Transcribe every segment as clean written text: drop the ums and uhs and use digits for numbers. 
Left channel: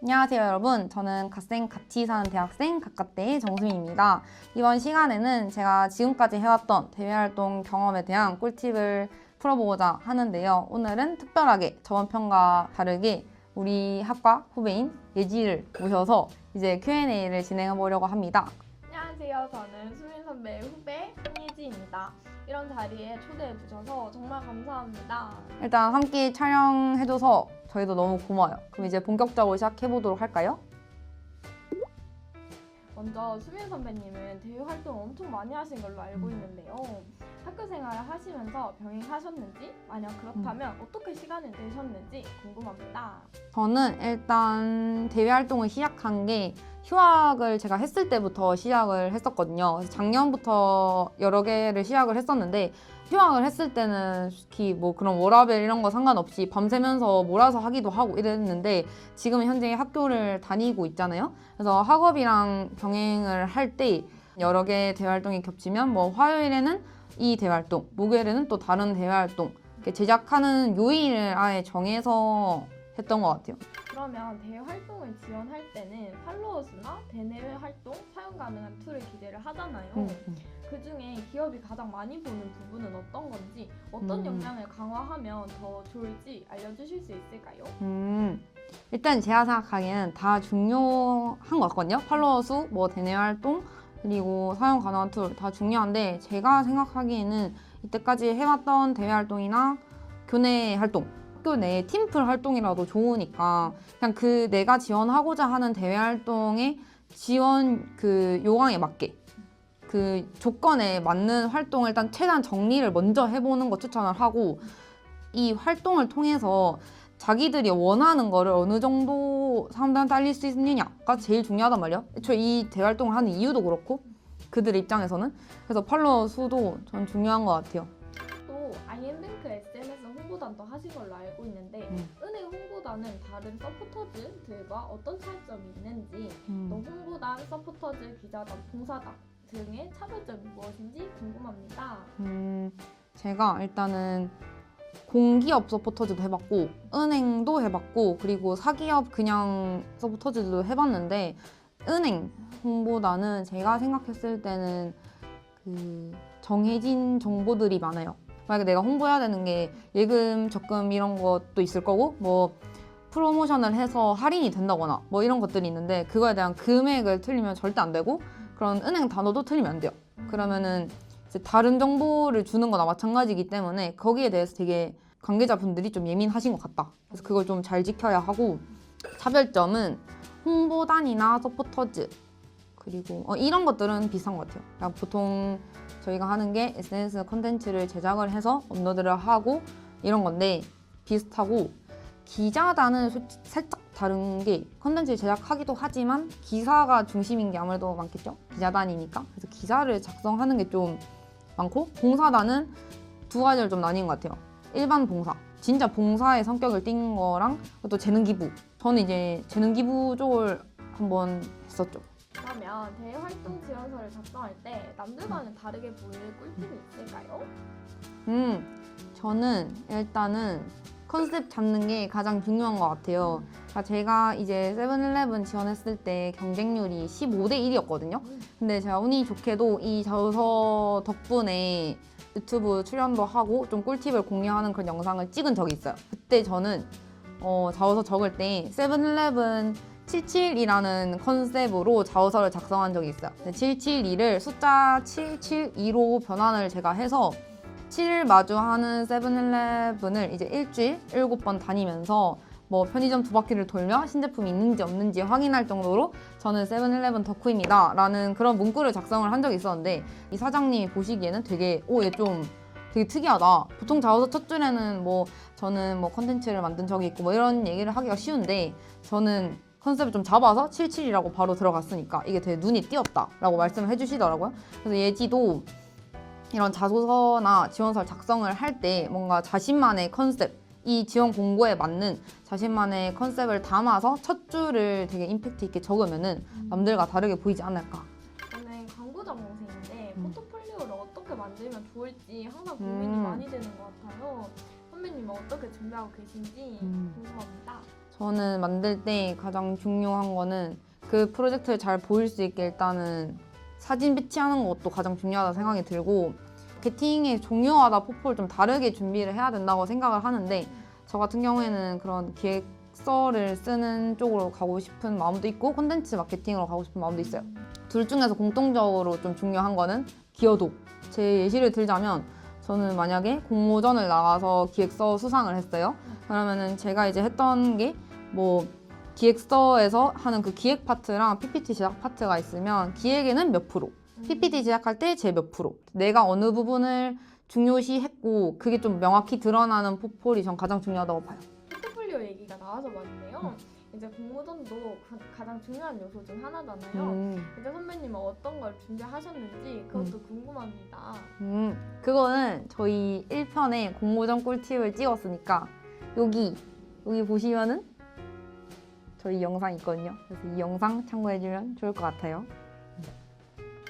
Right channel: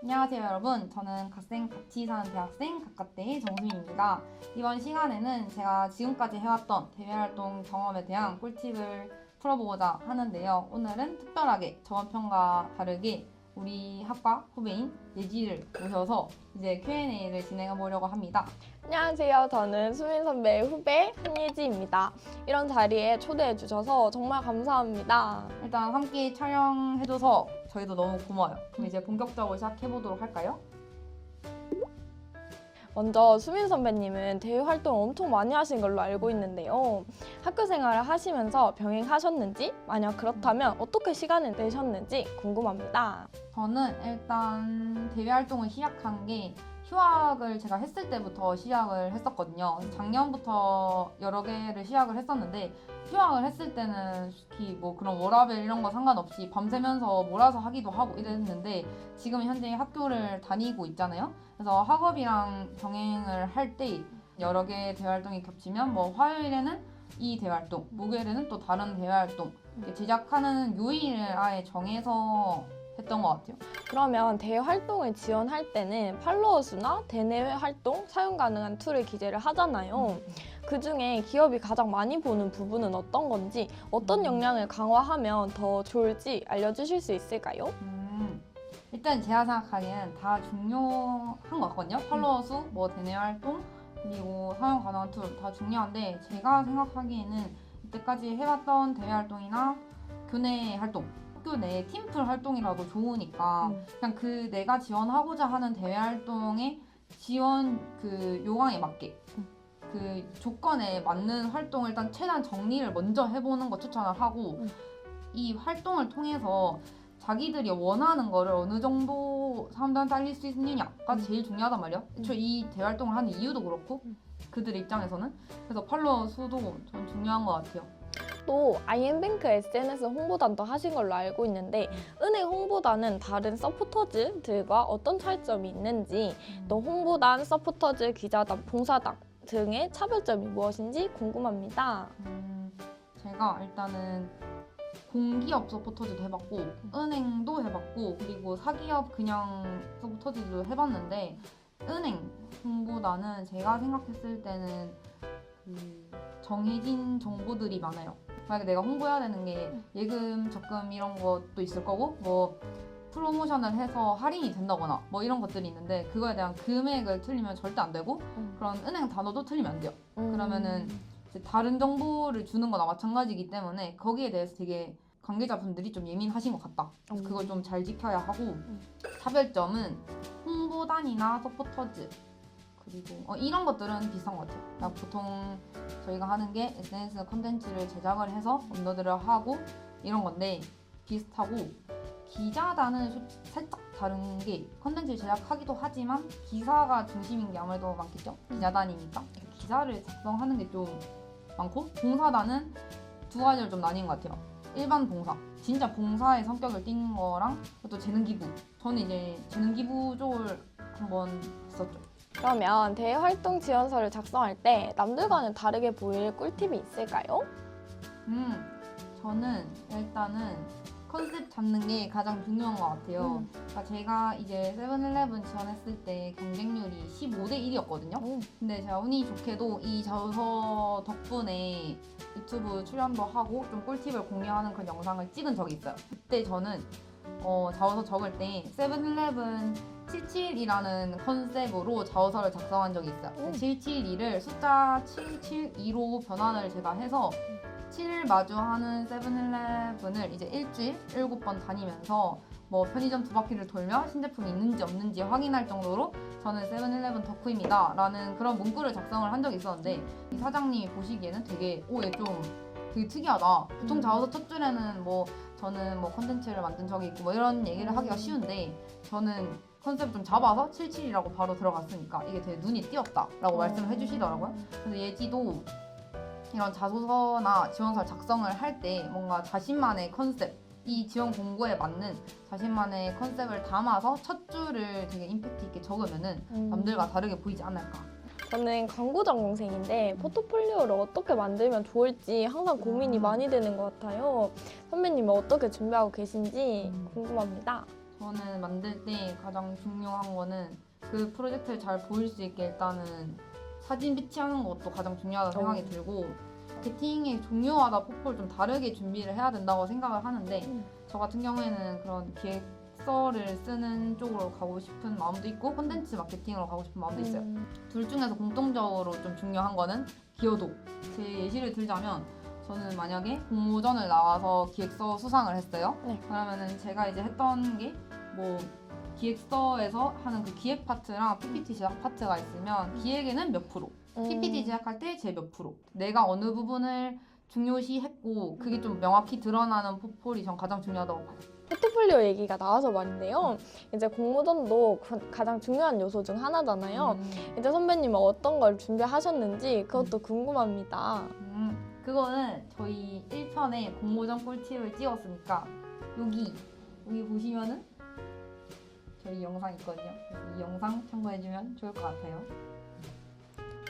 안녕하세요 여러분. 저는 갓생 같이 사는 대학생 갓갓대의 정수미입니다. 이번 시간에는 제가 지금까지 해왔던 대외활동 경험에 대한 꿀팁을 풀어보고자 하는데요. 오늘은 특별하게 저번 편과 다르게 우리 학과 후배인 예지를 모셔서 이제 Q&A를 진행해 보려고 합니다. 안녕하세요. 저는 수민 선배의 후배 한예지입니다. 이런 자리에 초대해 주셔서 정말 감사합니다. 일단 함께 촬영해줘서 저희도 너무 고마워요. 그럼 이제 본격적으로 시작해보도록 할까요? 먼저 수민 선배님은 대외 활동을 엄청 많이 하신 걸로 알고 있는데요. 학교 생활을 하시면서 병행하셨는지, 만약 그렇다면 어떻게 시간을 내셨는지 궁금합니다. 저는 일단 대외 활동을 시작한 게 휴학을 제가 했을 때부터 시작을 했었거든요. 그래서 작년부터 여러 개를 시작을 했었는데 휴학을 했을 때는 솔직히 뭐 그런 워라밸 이런 거 상관없이 밤새면서 몰아서 하기도 하고 이랬는데 지금 현재 학교를 다니고 있잖아요. 그래서 학업이랑 병행을 할 때 여러 개의 대외 활동이 겹치면 뭐 화요일에는 이 대외 활동, 목요일에는 또 다른 대외 활동 이렇게 제작하는 요일을 아예 정해서 했던 것 같아요. 그러면 대외 활동을 지원할 때는 팔로워 수나 대내외 활동 사용 가능한 툴을 기재를 하잖아요. 그 중에 기업이 가장 많이 보는 부분은 어떤 건지, 어떤 역량을 강화하면 더 좋을지 알려주실 수 있을까요? 일단 제가 생각하기에는 다 중요한 것 같거든요. 팔로워 수, 뭐 대내 활동, 그리고 사용 가능한 툴 다 중요한데 제가 생각하기에는 이때까지 해왔던 대외 활동이나 교내 활동, 학교 내 팀플 활동이라도 좋으니까 그냥 그 내가 지원하고자 하는 대외 활동의 지원 그 요강에 맞게 그 조건에 맞는 활동을 일단 최대한 정리를 먼저 해보는 거 추천을 하고 이 활동을 통해서 자기들이 원하는 거를 어느 정도 사람들한테 알릴 수 있느냐가 제일 중요하단 말이야. 애초에 이 대활동을 하는 이유도 그렇고 그들의 입장에서는 그래서 팔로워 수도 전 중요한 것 같아요. 또 IM뱅크 SNS 홍보단도 하신 걸로 알고 있는데 은행 홍보단은 다른 서포터즈들과 어떤 차이점이 있는지, 또 홍보단, 서포터즈, 기자단, 봉사단 등의 차별점이 무엇인지 궁금합니다. 제가 일단은 공기업 서포터즈도 해봤고 은행도 해봤고 그리고 사기업 그냥 서포터즈도 해봤는데 은행 홍보단은 제가 생각했을 때는 그 정해진 정보들이 많아요. 만약에 내가 홍보해야 되는 게 예금, 적금 이런 것도 있을 거고 뭐 프로모션을 해서 할인이 된다거나 뭐 이런 것들이 있는데 그거에 대한 금액을 틀리면 절대 안 되고 그런 은행 단어도 틀리면 안 돼요. 그러면은 이제 다른 정보를 주는 거나 마찬가지이기 때문에 거기에 대해서 되게 관계자분들이 좀 예민하신 것 같다. 그래서 그걸 좀 잘 지켜야 하고 차별점은 홍보단이나 서포터즈 그리고 이런 것들은 비슷한 것 같아요. 그냥 보통 저희가 하는 게 SNS 콘텐츠를 제작을 해서 업로드를 하고 이런 건데 비슷하고 기자단은 살짝 다른 게 콘텐츠 제작하기도 하지만 기사가 중심인 게 아무래도 많겠죠. 기자단이니까. 그래서 기사를 작성하는 게 좀 많고 봉사단은 두 가지를 좀 나뉜 것 같아요. 일반 봉사, 진짜 봉사의 성격을 띈 거랑 또 재능 기부. 저는 이제 재능 기부 쪽을 한번 했었죠. 그러면 대외 활동 지원서를 작성할 때 남들과는 다르게 보일 꿀팁이 있을까요? 저는 일단은 컨셉 잡는 게 가장 중요한 것 같아요. 그러니까 제가 이제 세븐일레븐 지원했을 때 경쟁률이 15대 1이었거든요. 근데 제가 운이 좋게도 이 자소서 덕분에 유튜브 출연도 하고 좀 꿀팁을 공유하는 그런 영상을 찍은 적이 있어요. 그때 저는 자소서 적을 때 세븐일레븐 772라는 컨셉으로 자소서를 작성한 적이 있어요. 772를 숫자 772로 변환을 제가 해서 7일 마주하는 세븐일레븐을 이제 일주일 7번 다니면서 뭐 편의점 2바퀴를 돌며 신제품이 있는지 없는지 확인할 정도로 저는 세븐일레븐 덕후입니다 라는 그런 문구를 작성을 한 적이 있었는데 이 사장님이 보시기에는 되게 얘 좀 되게 특이하다. 보통 자소서 첫 줄에는 뭐 저는 뭐 컨텐츠를 만든 적이 있고 뭐 이런 얘기를 하기가 쉬운데 저는 컨셉을 좀 잡아서 77이라고 바로 들어갔으니까 이게 되게 눈이 띄었다 라고 말씀을 해주시더라고요. 그래서 예지도 이런 자소서나 지원서를 작성을 할 때 뭔가 자신만의 컨셉, 이 지원 공고에 맞는 자신만의 컨셉을 담아서 첫 줄을 되게 임팩트 있게 적으면은 남들과 다르게 보이지 않을까. 저는 광고 전공생인데 포트폴리오를 어떻게 만들면 좋을지 항상 고민이 많이 되는 것 같아요. 선배님은 어떻게 준비하고 계신지 궁금합니다. 저는 만들 때 가장 중요한 거는 그 프로젝트를 잘 보일 수 있게 일단은 사진 배치하는 것도 가장 중요하다고 생각이 들고 마케팅의 종류마다 포폴을 좀 다르게 준비를 해야 된다고 생각을 하는데 저 같은 경우에는 그런 기획서를 쓰는 쪽으로 가고 싶은 마음도 있고 콘텐츠 마케팅으로 가고 싶은 마음도 있어요. 둘 중에서 공통적으로 좀 중요한 거는 기여도. 제 예시를 들자면 저는 만약에 공모전을 나가서 기획서 수상을 했어요. 네. 그러면은 제가 이제 했던 게 뭐 기획서에서 하는 그 기획 파트랑 PPT 제작 파트가 있으면 기획에는 몇 프로, PPT 제작할 때 제 몇 프로, 내가 어느 부분을 중요시 했고 그게 좀 명확히 드러나는 포폴이 전 가장 중요하다고 봐요. 포트폴리오 얘기가 나와서 말인데요. 이제 공모전도 가장 중요한 요소 중 하나잖아요. 이제 선배님은 어떤 걸 준비하셨는지 그것도 궁금합니다. 그거는 저희 1편에 공모전 꿀팁을 찍었으니까 여기 보시면은 저희 영상 있거든요. 그래서 이 영상 참고해주면 좋을 것 같아요.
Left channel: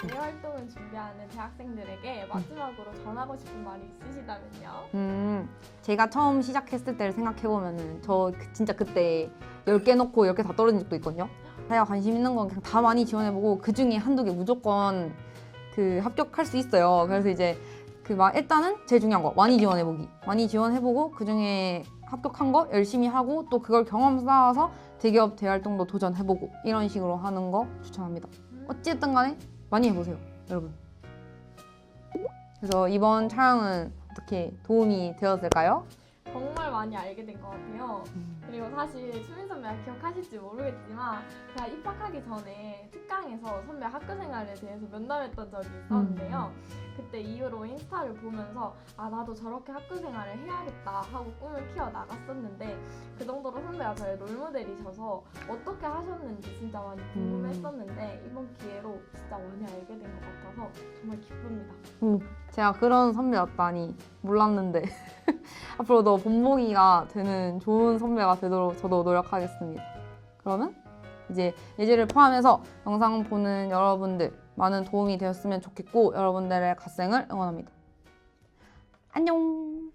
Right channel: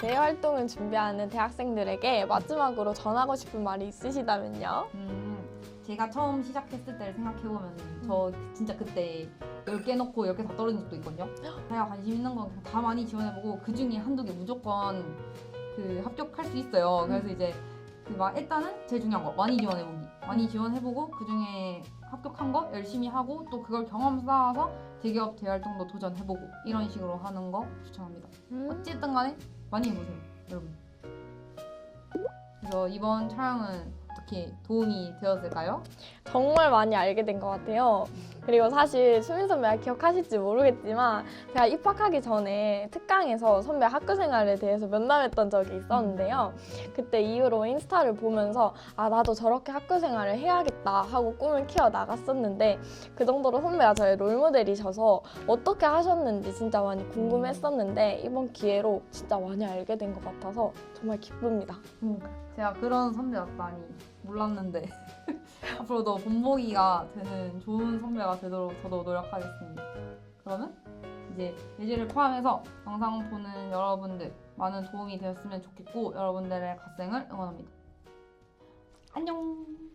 대외 활동을 준비하는 대학생들에게 마지막으로 전하고 싶은 말이 있으시다면요? 제가 처음 시작했을 때를 생각해보면은 저 진짜 그때 10개 넣고 10개 다 떨어진 적도 있거든요. 자기가 관심 있는 건 그냥 다 많이 지원해보고 그 중에 한두 개 무조건 그 합격할 수 있어요. 그래서 이제 일단은 제일 중요한 거 많이 지원해보기. 많이 지원해보고 그 중에 합격한 거 열심히 하고 또 그걸 경험 쌓아서 대기업 대활동도 도전해보고 이런 식으로 하는 거 추천합니다. 어찌됐든 간에 많이 해보세요, 여러분. 그래서 이번 촬영은 어떻게 도움이 되었을까요? 정말 많이 알게 된 것 같아요. 그리고 사실 수민 선배가 기억하실지 모르겠지만 제가 입학하기 전에 특강에서 선배 학교 생활에 대해서 면담했던 적이 있었는데요. 그때 이후로 인스타를 보면서 아 나도 저렇게 학교 생활을 해야겠다 하고 꿈을 키워 나갔었는데 그 정도로 선배가 저의 롤모델이셔서 어떻게 하셨는지 진짜 많이 궁금했었는데 이번 기회로 진짜 많이 알게 된 것 같아서 정말 기쁩니다. 제가 그런 선배였다니 몰랐는데 앞으로도 본보기가 되는 좋은 선배가 되도록 저도 노력하겠습니다. 그러면 이제 예지를 포함해서 영상 보는 여러분들 많은 도움이 되었으면 좋겠고 여러분들의 갓생을 응원합니다. 안녕!